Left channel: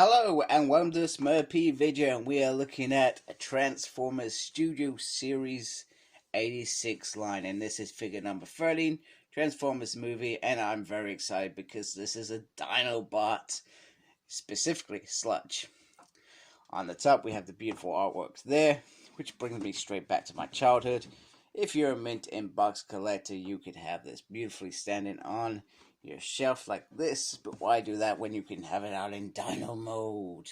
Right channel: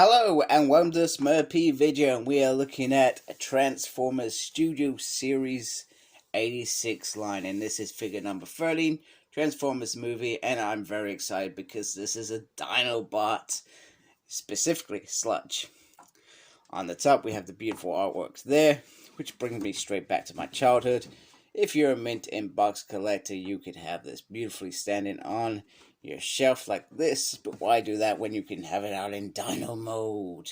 Hello and welcome to this Smurpy video, and we are looking at a Transformers Studio Series 86 line, and this is figure number 13, Transformers movie, and I'm very excited because this is a Dinobot, specifically Sludge. On the top we have the beautiful artwork there, which brings me straight back to my childhood. If you're a mint in box collector, you could have this beautifully standing on your shelf like this, but why do that when you can have it out in dino mode?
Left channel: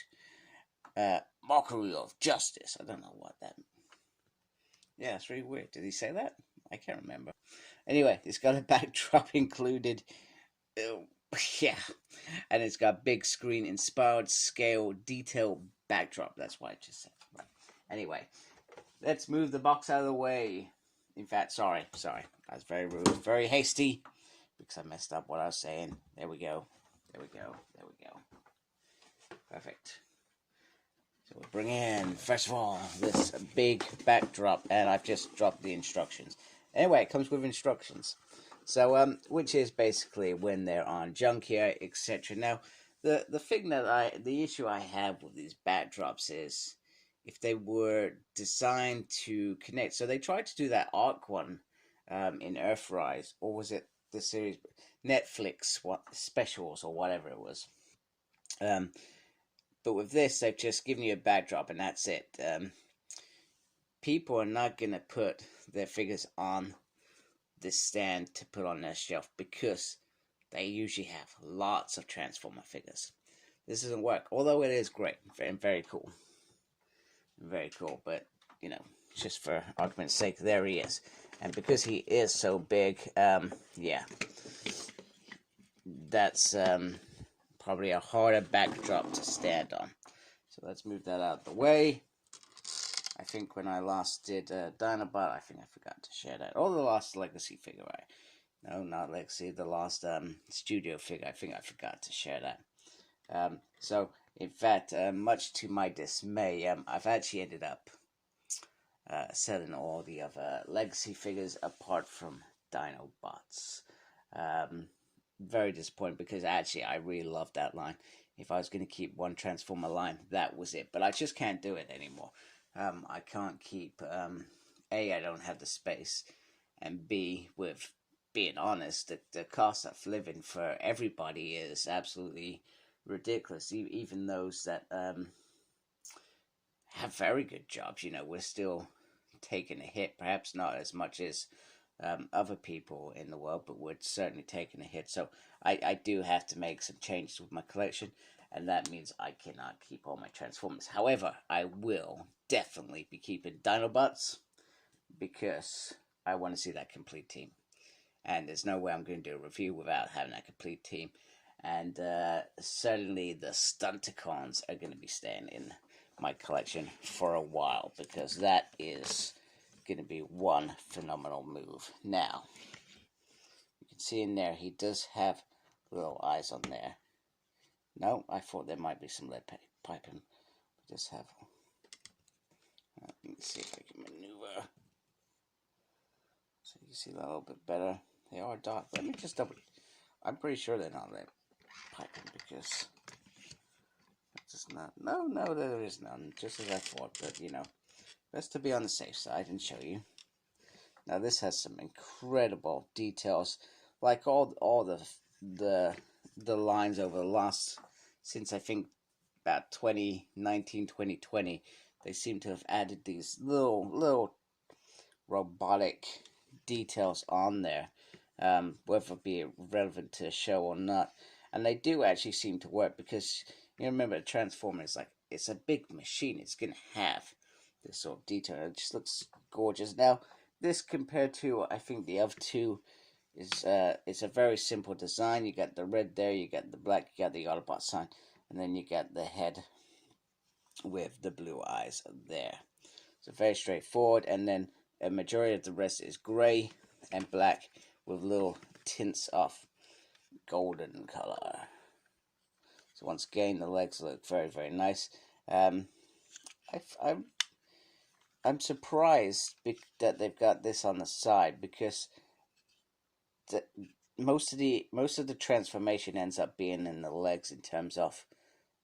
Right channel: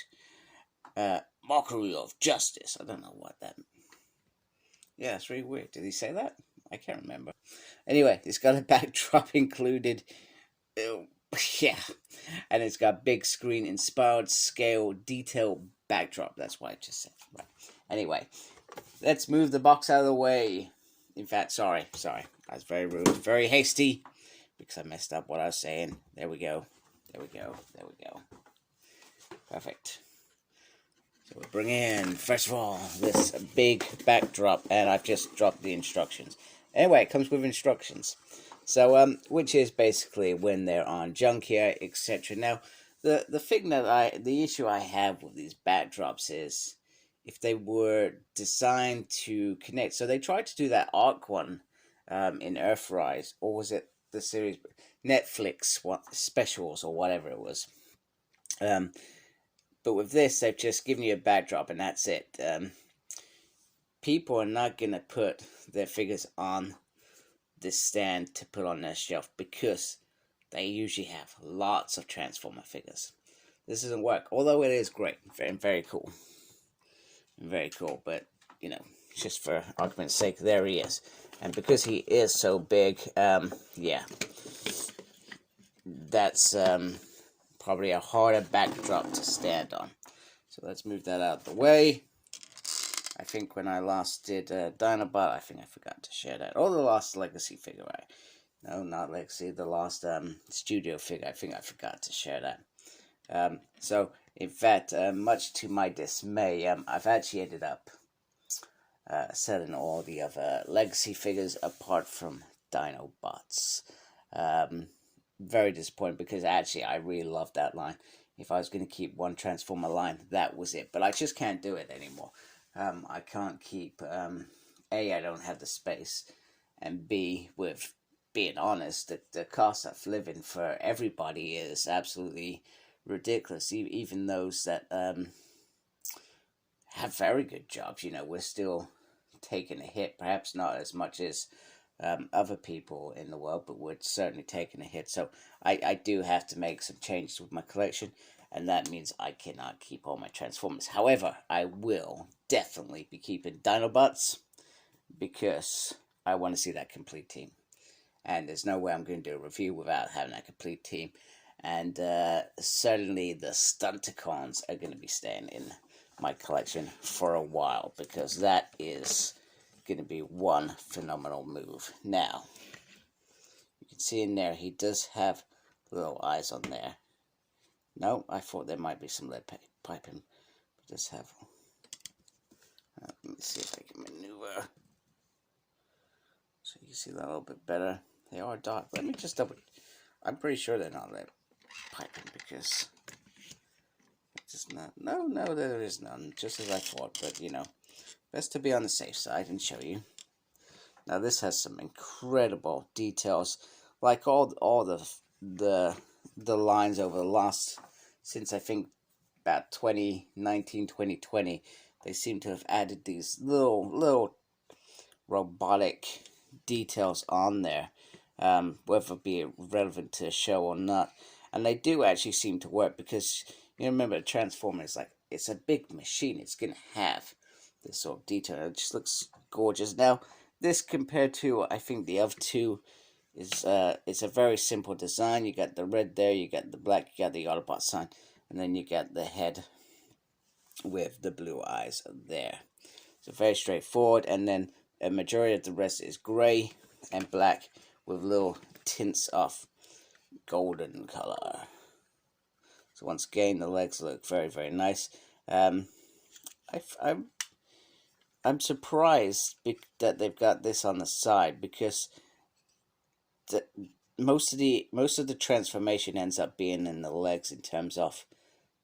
Mockery of justice. I don't know what that... Yeah, it's really weird. Did he say that? I can't remember. Anyway, it's got a backdrop included. Yeah. And it's got big screen inspired scale detail backdrop. That's what I just said. Right. Anyway, let's move the box out of the way. In fact, sorry. I was very rude, very hasty, because I messed up what I was saying. There we go. Perfect. So we bring in, first of all, this big backdrop, and I've just dropped the instructions. Anyway, it comes with instructions. So, which is basically when they're on Junkyard, etc. Now, the thing that the issue I have with these backdrops is if they were designed to connect. So they tried to do that Arc one in Earthrise, or was it the series Netflix specials or whatever it was. But with this, they've just given you a backdrop and that's it. People are not gonna put their figures on this stand to put on their shelf because they usually have lots of Transformer figures. This doesn't work, although it is great and very cool. Very cool, but you know, just for argument's sake, there he is. And because he is so big, yeah, that's probably a harder backdrop to stand on. So let's move that out of the way. I think when I last did Dinobot, I think I forgot to share that. Or the last Legacy figure, right? No, not Legacy, the last Studio figure, I think I forgot to share that. So, in fact, much to my dismay, I've actually ended up selling all the other Legacy figures apart from Dinobots. Very disappointed because actually I really love that line. If I was going to keep one Transformer line, that was it. But I just can't do it anymore. I can't keep, A, I don't have the space, and B, with being honest, the cost of living for everybody is absolutely ridiculous. Even those that have very good jobs, you know, we're still taking a hit, perhaps not as much as other people in the world, but we're certainly taking a hit. So I do have to make some changes with my collection, and that means I cannot keep all my Transformers. However, I will definitely be keeping Dinobots because I want to see that complete team. And there's no way I'm going to do a review without having that complete team. And certainly the Stunticons are going to be staying in my collection for a while because that is going to be one phenomenal move. Now, you can see in there he does have little eyes on there. No, I thought there might be some lead piping. But does have... let me see if I can maneuver so you can see that a little bit better. They are dark. Let me just double... I'm pretty sure they're not lead piping because it's not... No, there is none. Just as I thought, but you know, best to be on the safe side and show you. Now this has some incredible details, like all the lines over the last, since I think about 2019, 2020, they seem to have added these little robotic details on there, whether it be relevant to the show or not. And they do actually seem to work because you remember the Transformers, like it's a big machine. It's gonna have this sort of detail. It just looks gorgeous. Now this compared to I think the other two is it's a very simple design. You got the red there, you got the black, you got the Autobot sign, and then you got the head with the blue eyes there. So very straightforward, and then a majority of the rest is grey and black with little tints of golden color. So once again, the legs look very, very nice. I'm surprised that they've got this on the side because most of the transformation ends up being in the legs in terms of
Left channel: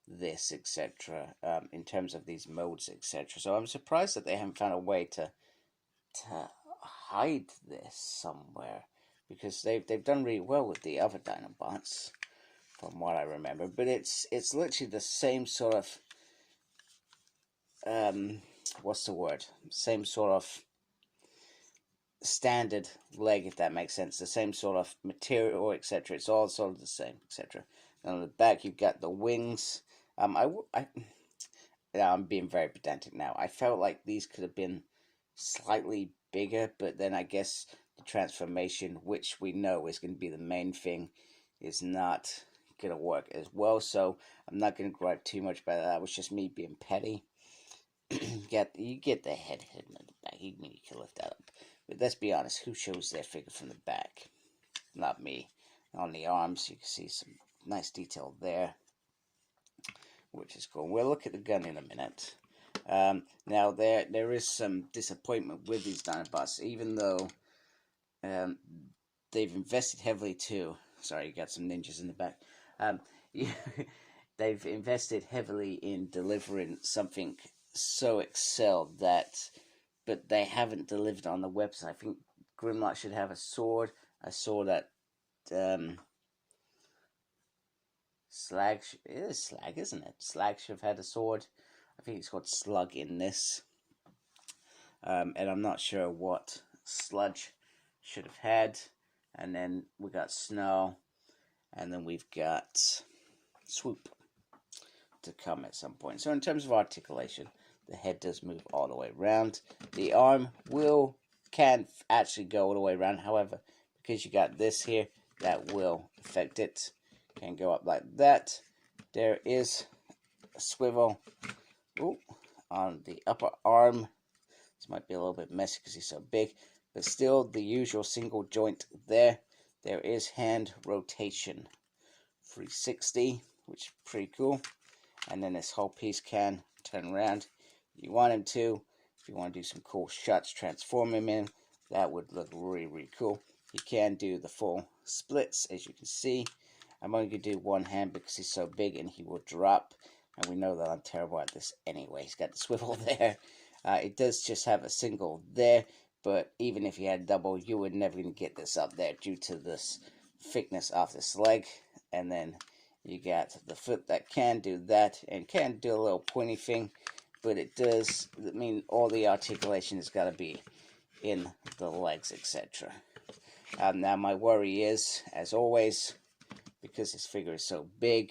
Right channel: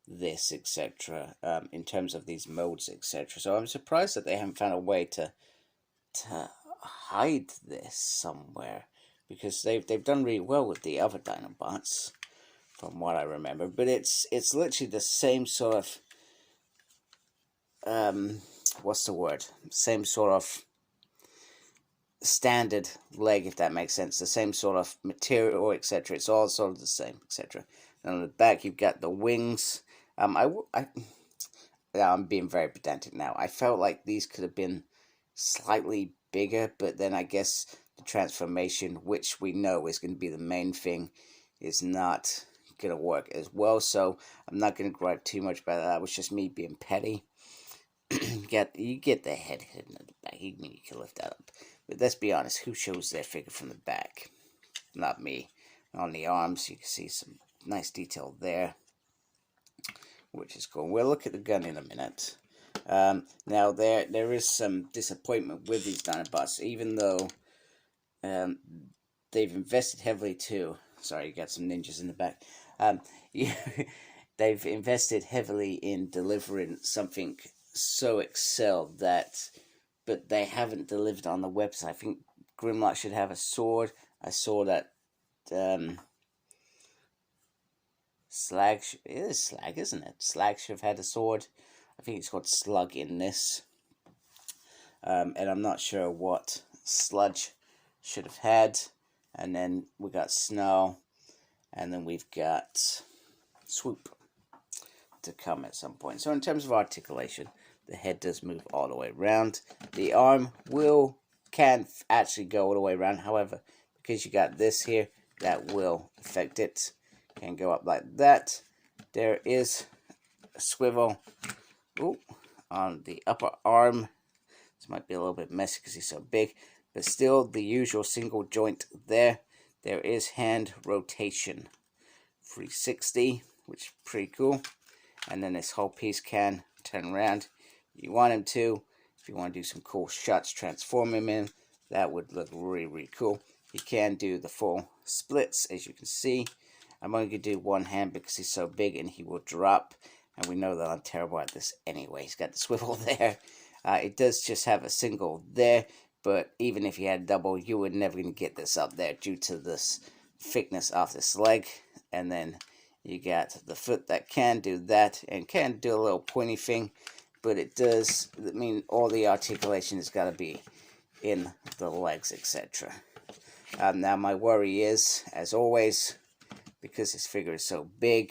this, etc. In terms of these modes, etc. So I'm surprised that they haven't found a way to hide this somewhere, because they've done really well with the other Dinobots, from what I remember. But it's literally the same sort of what's the word? Same sort of standard leg, if that makes sense. The same sort of material, etc. It's all sort of the same, etc. And on the back, you've got the wings. I'm being very pedantic now. I felt like these could have been slightly bigger, but then I guess the transformation, which we know is going to be the main thing, is not going to work as well. So I'm not going to gripe too much about that. It was just me being petty. You get the head hidden at the back. You can lift that up. But let's be honest, who shows their figure from the back? Not me. On the arms, you can see some nice detail there, which is cool. We'll look at the gun in a minute. Now there is some disappointment with these Dinobots, even though they've invested heavily too. Sorry, you got some ninjas in the back. They've invested heavily in delivering something so excelled that, but they haven't delivered on the website. I think Grimlock should have a sword. I saw that Slag, it is Slag, isn't it? Slag should have had a sword. I think it's called Slug in this. And I'm not sure what Sludge should have had. And then we got Snow. And then we've got Swoop to come at some point. So in terms of articulation, the head does move all the way around. The arm can actually go all the way around. However, because you got this here, that will affect it. Can go up like that. There is a swivel on the upper arm. This might be a little bit messy because he's so big, but still the usual single joint there. There is hand rotation, 360, which is pretty cool. And then this whole piece can turn around. You want him to. If you want to do some cool shots, transform him in. That would look really, really cool. You can do the full splits, as you can see. I'm only going to do one hand because he's so big and he will drop. And we know that I'm terrible at this anyway. He's got the swivel there. It does just have a single there. But even if you had double, you were never going to get this up there due to this thickness of this leg. And then you got the foot that can do that and can do a little pointy thing. But it does, I mean, all the articulation has got to be in the legs, etc. Now my worry is, as always, because this figure is so big,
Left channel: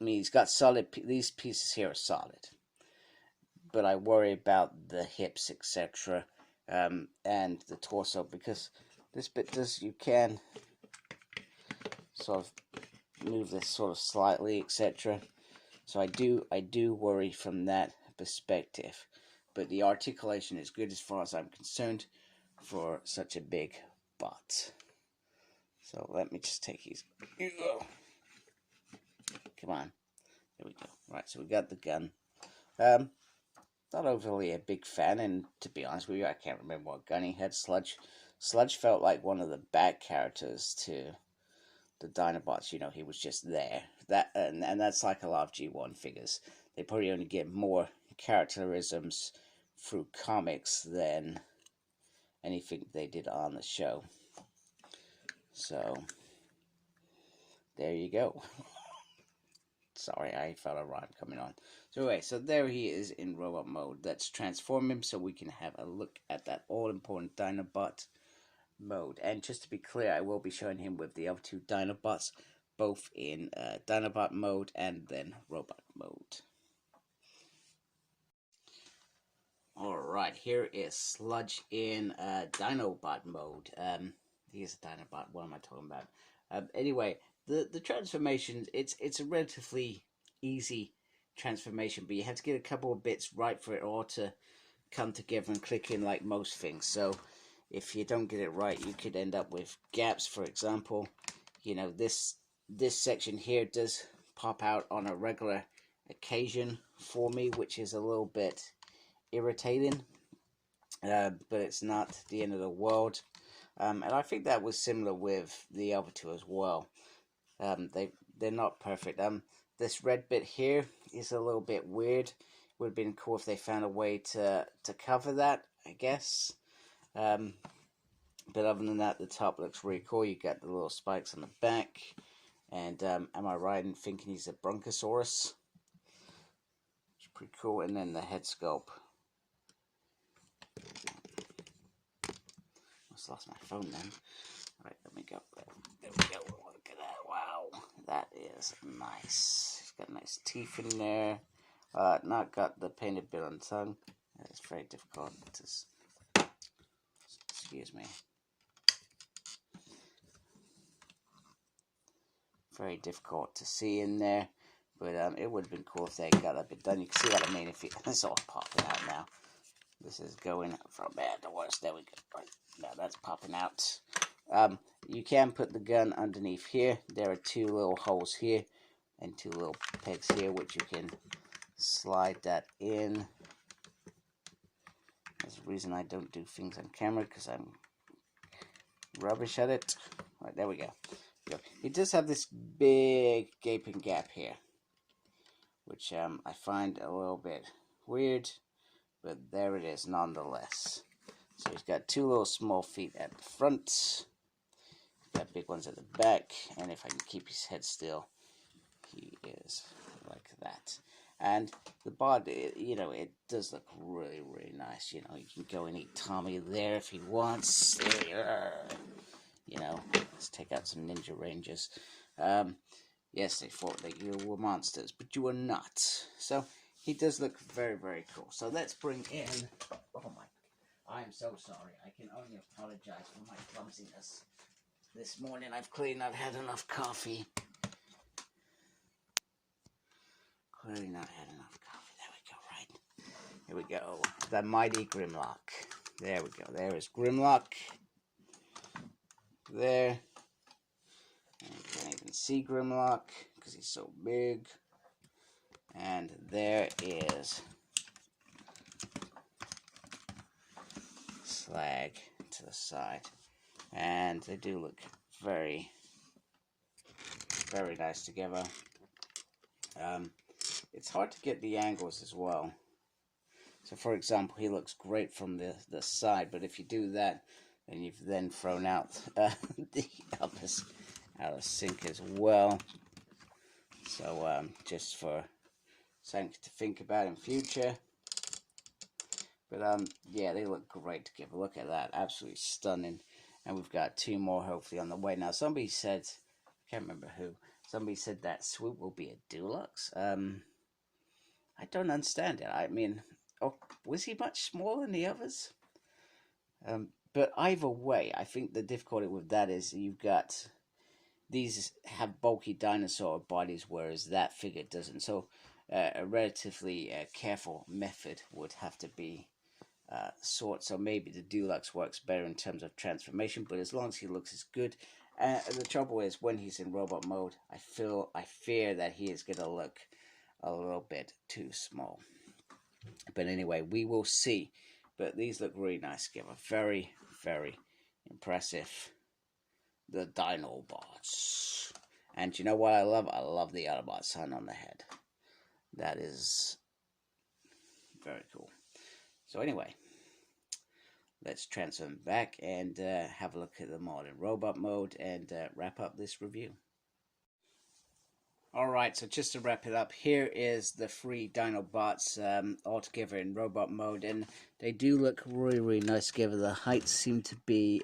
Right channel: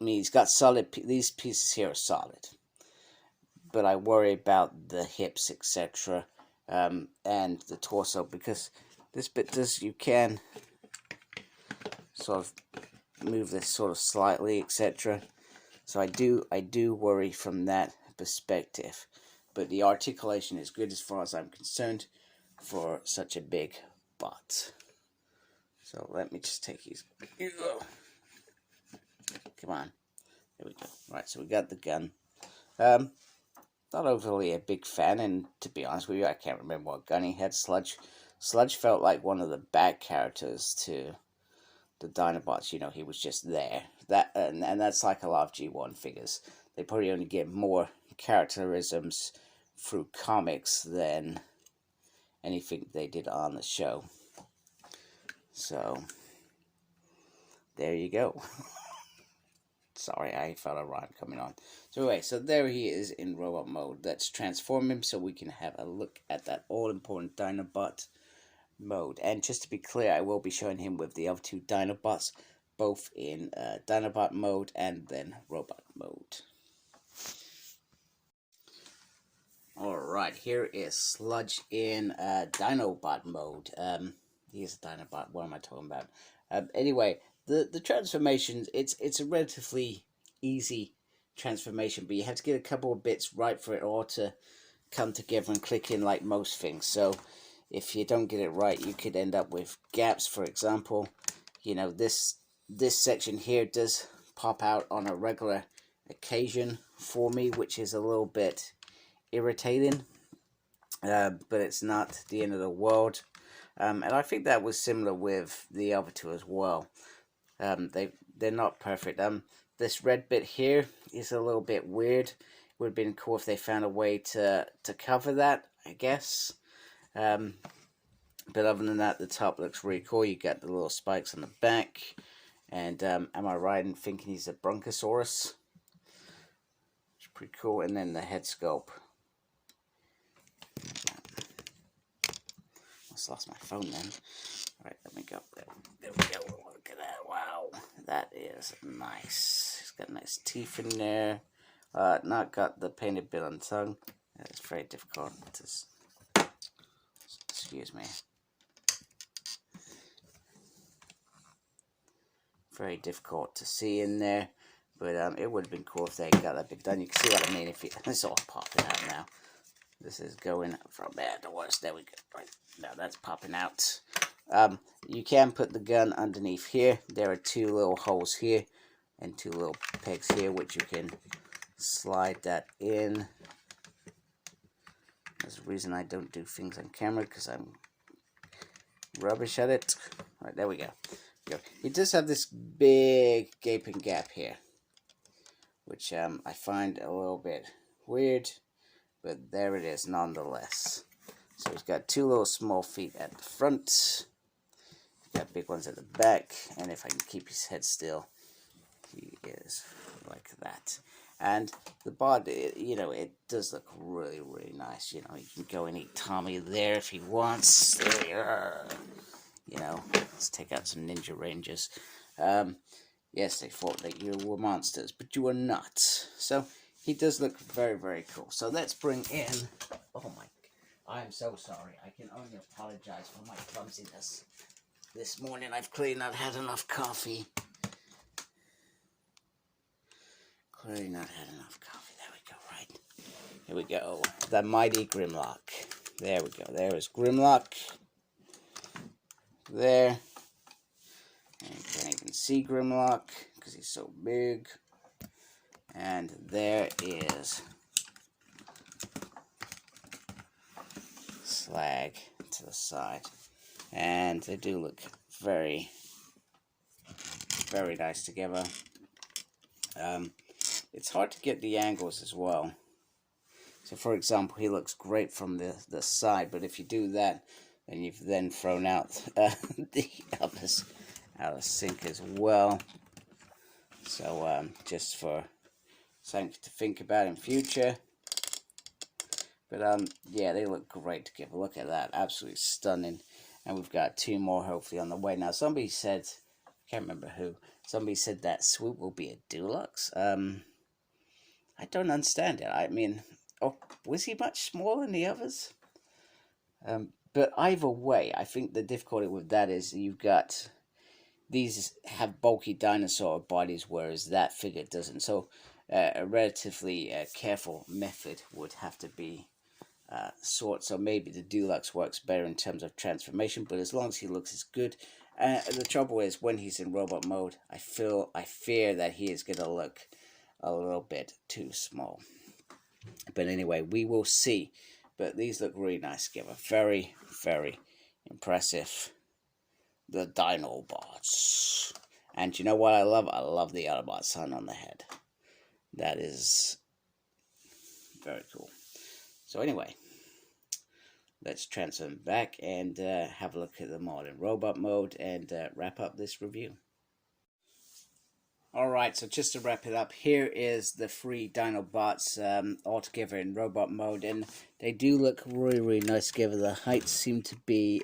he's got solid, these pieces here are solid. But I worry about the hips, etc. And the torso, because this bit does, you can sort of move this sort of slightly, etc. So I do worry from that perspective. But the articulation is good as far as I'm concerned for such a big bot. So let me just take these. Come on. There we go. Right, so we got the gun. Not overly a big fan, and to be honest with you, I can't remember what gun he had. Sludge felt like one of the back characters to the Dinobots. You know, he was just there. That and that's like a lot of G1 figures. They probably only get more characterisms through comics than anything they did on the show. So there you go. Sorry, I felt a rhyme coming on. So anyway, so there he is in robot mode. Let's transform him so we can have a look at that all-important Dinobot mode. And just to be clear, I will be showing him with the other two Dinobots, both in Dinobot mode and then robot mode. Alright, here is Sludge in Dinobot mode. He is a Dinobot, what am I talking about? Anyway, the transformations, it's a relatively easy transformation, but you have to get a couple of bits right for it all to come together and click in like most things. So if you don't get it right, you could end up with gaps. For example, you know, this section here does pop out on a regular occasion for me, which is a little bit irritating, but it's not the end of the world. And I think that was similar with the other two as well. They're not perfect. This red bit here is a little bit weird. Would have been cool if they found a way to cover that, I guess. But other than that, the top looks really cool. You got the little spikes on the back. And am I right in thinking he's a Bronchosaurus? It's pretty cool. And then the head sculpt. Almost lost my phone then. Alright, let me go. There we go. Look at that. Wow. That is nice. He's got nice teeth in there. Not got the painted bit on the tongue. It's very difficult to... Excuse me. Very difficult to see in there. But it would have been cool if they got that bit done. You can see what I mean. If it's all popping out now. This is going from bad to worse. There we go. Right. Now that's popping out. You can put the gun underneath here. There are two little holes here and two little pegs here, which you can slide that in. There's a reason I don't do things on camera, because I'm rubbish at it. Right, there we go. It does have this big gaping gap here, which I find a little bit weird, but there it is nonetheless. So he's got two little small feet at the front. He's got big ones at the back, and if I can keep his head still, he is like that. And the body, you know, it does look really, really nice. You know, you can go and eat Tommy there if he wants. There, you know, let's take out some Ninja Rangers. Yes, they thought that you were monsters, but you are not. So he does look very, very cool. So let's bring in. Oh my! I'm so sorry. I can only apologize for my clumsiness. This morning I've clearly not had enough coffee. Clearly not had enough coffee. There we go, right? Here we go. The mighty Grimlock. There we go. There is Grimlock. There. And you can't even see Grimlock because he's so big. And there is Slag to the side. And they do look very, very nice together. It's hard to get the angles as well. So for example, he looks great from the side, but if you do that, then you've then thrown out the others out of sync as well. So just for something to think about in future. But yeah, they look great together. Look at that, absolutely stunning. And we've got two more hopefully on the way. Now somebody said, I can't remember who, somebody said that Swoop will be a deluxe. I don't understand it. I mean, oh, was he much smaller than the others? But either way, I think the difficulty with that is you've got, these have bulky dinosaur bodies, whereas that figure doesn't. So a relatively careful method would have to be sought. So maybe the deluxe works better in terms of transformation, but as long as he looks as good. The trouble is, when he's in robot mode, I fear that he is going to look a little bit too small. But anyway, we will see. But these look really nice together. Very, very impressive. The Dinobots. And you know what I love? I love the Autobot sun on the head. That is very cool. So anyway, let's transfer them back and have a look at them all in robot mode and wrap up this review. Alright, so just to wrap it up, here is the 3 Dinobots all together in robot mode, and they do look really, really nice together. The heights seem to be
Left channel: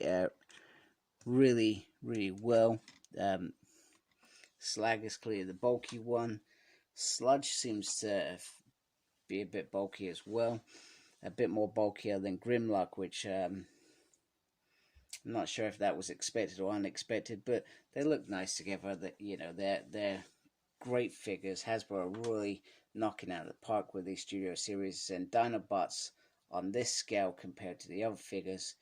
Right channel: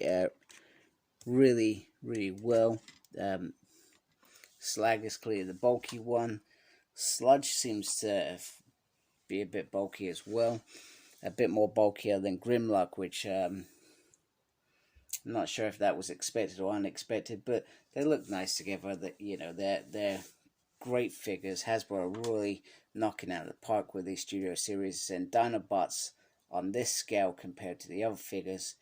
really, really well. Slag is clearly the bulky one. Sludge seems to be a bit bulky as well. A bit more bulkier than Grimlock, which I'm not sure if that was expected or unexpected, but they look nice together. That, you know, they're great figures. Hasbro are really knocking out of the park with these Studio Series, and Dinobots on this scale compared to the other figures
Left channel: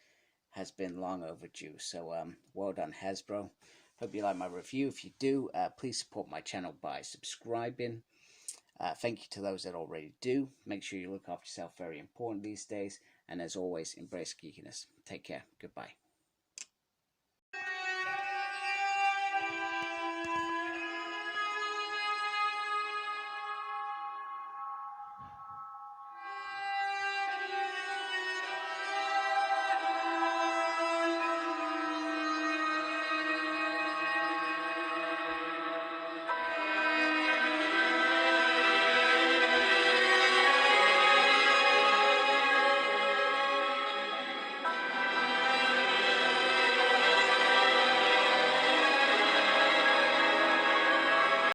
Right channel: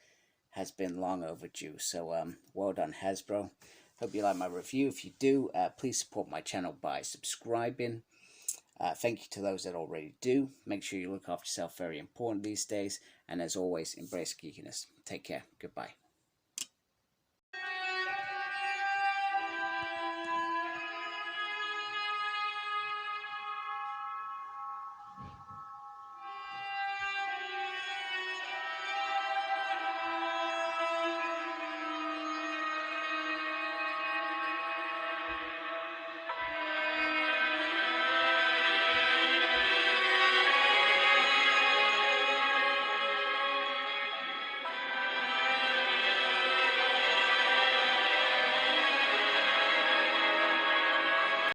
has been long overdue. So well done, Hasbro. Hope you like my review. If you do, please support my channel by subscribing. Thank you to those that already do. Make sure you look after yourself, very important these days. And as always, embrace geekiness. Take care. Goodbye.